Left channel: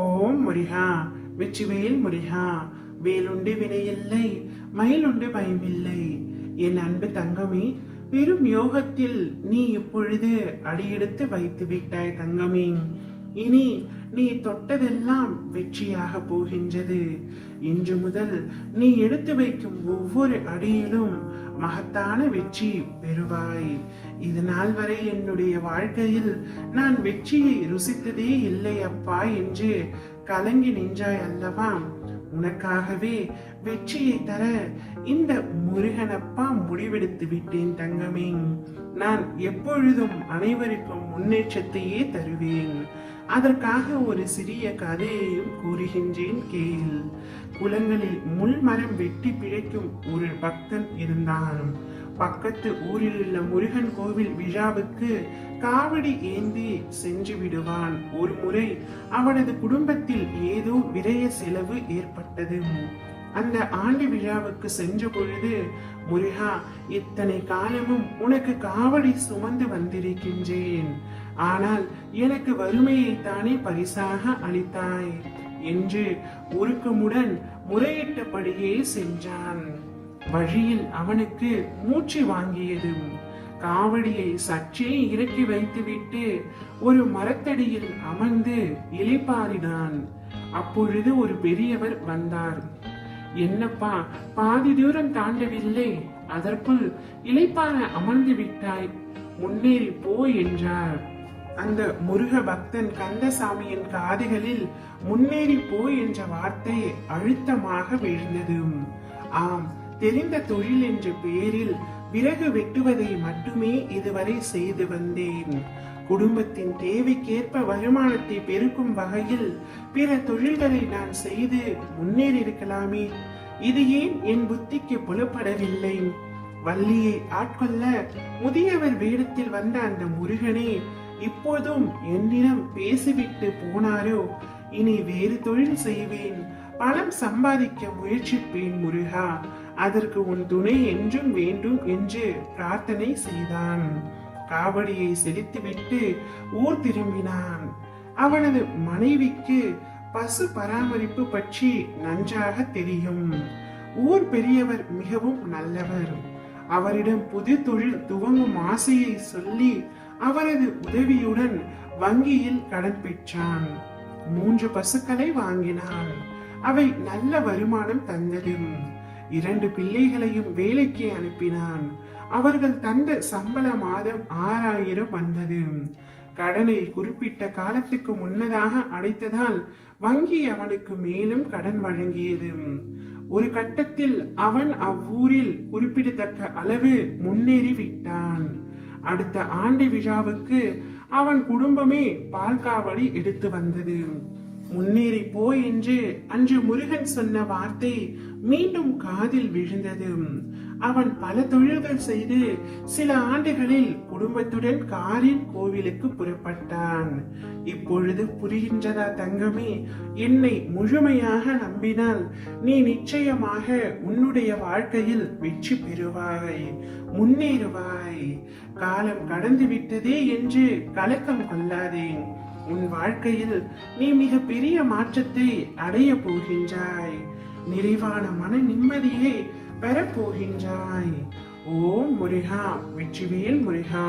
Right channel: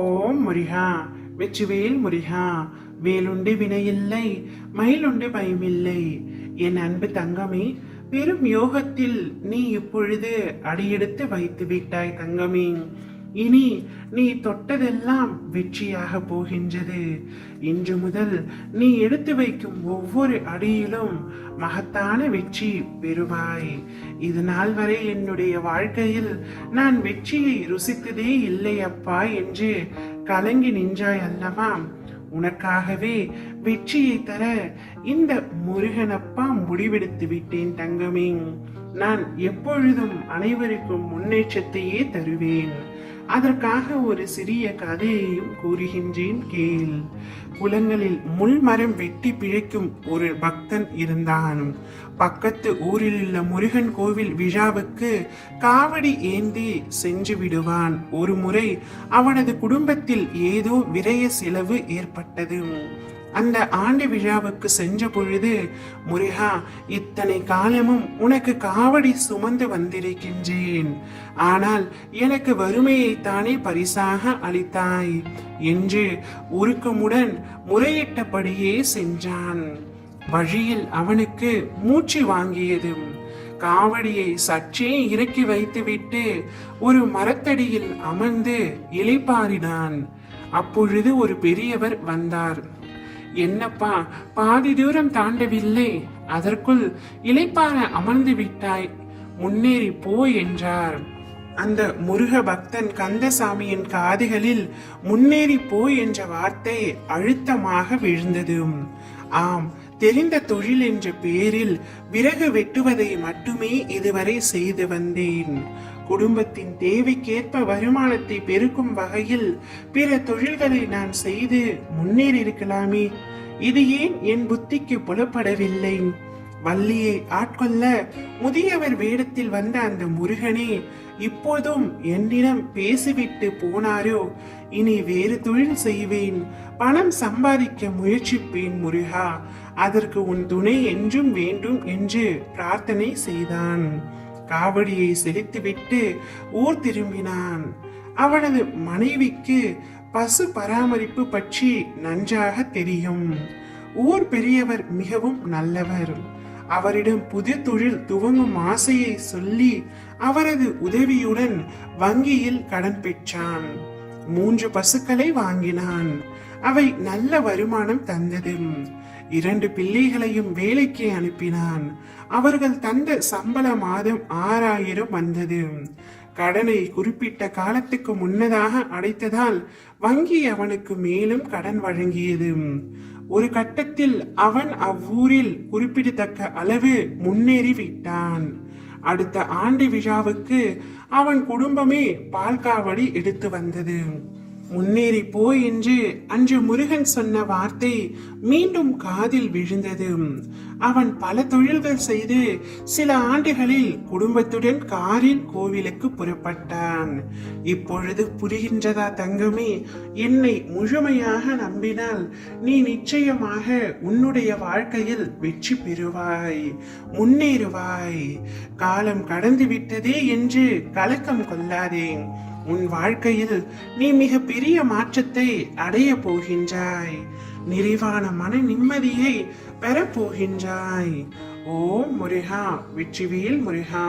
ஓம் முருகா. வெற்றிவேல் முருகா. வேலுண்டு வினையில்லை, மயிலுண்டு பயமில்லை. என் அன்பு தங்கமே, பெரும் யோகத்தில் நீ இப்பொழுது அடியெடுத்து வைத்து விட்டாய் தங்கமே. இனி நீ தொட்டதெல்லாம் வெற்றியாக போகின்றது. இன்று முதல் நீ எடுத்து வைக்கும் ஒவ்வொரு அடியிலும் மகத்தான வெற்றி பெறுவாய். இது நாள் வரை என்னுடைய வாழ்க்கையில் நான் வெற்றியை ருசித்ததே இல்லை அப்பா என்று கலங்கி நின்றாய் அல்லவா? உனக்காகவே வெற்றியை தர இந்த முருகனப்பா முடிவெடுத்து விட்டேன் தங்கமே. நான் எப்பொழுதும் அனைவருக்கும் முன்னேற்றத்தையே தருவேன். அதற்காக ஒரு சிறிய கதையையும் கூறுகின்றேன் கேள். குளங்களில் முள் மரம் வெட்டி பிழைக்கும் ஒரு பக்தன் இருந்தான். பக்கத்து ஊரில் உள்ள முருகன் கோவில் விழாவுக்கு காவடி ஏந்தி சென்று விடுவான். ஒரு முறை அவனது குடும்பத்தில் ஏதோ விரய செலவு ஏற்பட்டது. அந்த ஆண்டு விழாவுக்கு சென்ற பொழுது, முருகா, இத்தனை காலமும் உனக்கு காவடி சுமந்து வந்திருக்கின்றேன், ஆனால் எனக்கு வறுமையை தானே பரிசாக அளித்தாய் என்று உருக்கமுடன் முறையிட்டபடியே சென்றான். வழியில் அவனுக்கு மூச்சு வாங்கியது. காவடியை சற்றே இறக்கி வைத்துவிட்டு ஒரு மரத்தடியில் அமர்ந்து இளைப்பாறினான். அப்பொழுது ஒரு பெரியவர் வந்தார். என்னப்பா, பாதி தூரம் தாண்டவில்லை, அதற்குள் இளைப்பாற அமர்ந்து விட்டாய், முன்னேறி போ என்றார். அந்த முருக பக்தன் கந்தசாமியின் காதுகளில் முன்னேறி போ என்ற வார்த்தை அழுத்தமாக விழுந்தது. ஆம், தெரிந்த தொழில் என்ற பெயரில் விறகு வெட்டுவதை மட்டுமே இதுவரை செய்து வந்தேன். குடும்பத்தின் தேவைக்கேற்ப வருமானத்தை பெருக்கும் வகையில் பிற தொழில்களை நான் செய்து முன்னேறி இருக்கலாமே. இது ஏன் என் புத்திக்கு புலப்படவில்லை? வள்ளியை ஆட்கொள்ள முதியவர் வேடத்தில் வந்த அந்த முருகனே இப்போதும் என்னிடம் பேசிவிட்டு போனாரோ? இனி வேறு தொழில் செய்வேன், பணம் சம்பாதிக்க முயற்சிப்பேன் முருகா, அதற்கு உன் துணை என்றும் வேண்டும் என்று பிரார்த்தனை செய்தான். காவடியை செலுத்திவிட்டு ஊர் திரும்பினான். அவனது மனைவிக்கு பசு பராமரிப்பு பற்றி நன்றாக தெரியும். ஊர் பெரியவர் மிகவும் நல்லவர். அவரிடம் புது தொழில் துவங்கும் ஆசையை சொல்லி அவரது உதவியுடன் வங்கியில் கடன் பெற்றான். 3 பசுக்களை வாங்கினான். அவை நல்ல வருமானம் தந்தது. 2 பிள்ளைகளையும் வேலைக்கு அனுப்பினான். அவர்கள் தந்த சம்பள மாதம் 6000 வந்தது. கடனை குறிப்பிட்ட காலத்துக்கு முன்னதாக அடைத்ததால் வங்கி அவனுக்கு மேலும் கடன் வழங்கியது. ஒரு கட்டத்தில் அவன் அவ்வூரில் குறிப்பிடத்தக்க அளவு முன்னேறி விட்டான். அடுத்த ஆண்டு விழாவுக்கு அவன் குடும்பமே பால்காவடி எடுத்து வந்தது. முன்னேறி போ என்று அன்று முருகன் சொன்ன வார்த்தை மீண்டும் காதில் விழுந்தது. அவன் பல தொழில்கள் செய்து சில ஆண்டுகளில் குடும்பத்துடன் காரில் கோவிலுக்கு புறப்பட்டான். இப்பொழுது புரிகின்றதா தங்கமே? என்னை முழுமையாக நம்பினால் நீ நிச்சயமாக உன்னுடைய வாழ்க்கையில் வெற்றி பெறுவாய், முன்னேறுவாய். காலம் கடந்து விட்டதே என்று கலக்கம் கொள்ளாதே. உன் வாழ்க்கையில் நீ மிக பெரிய மாற்றத்தை அடைய போகின்றாய். நிறைவான மன நிம்மதியை பெறப்போகின்றாய். ஓம் முருகா. வெற்றிவேல் முருகா.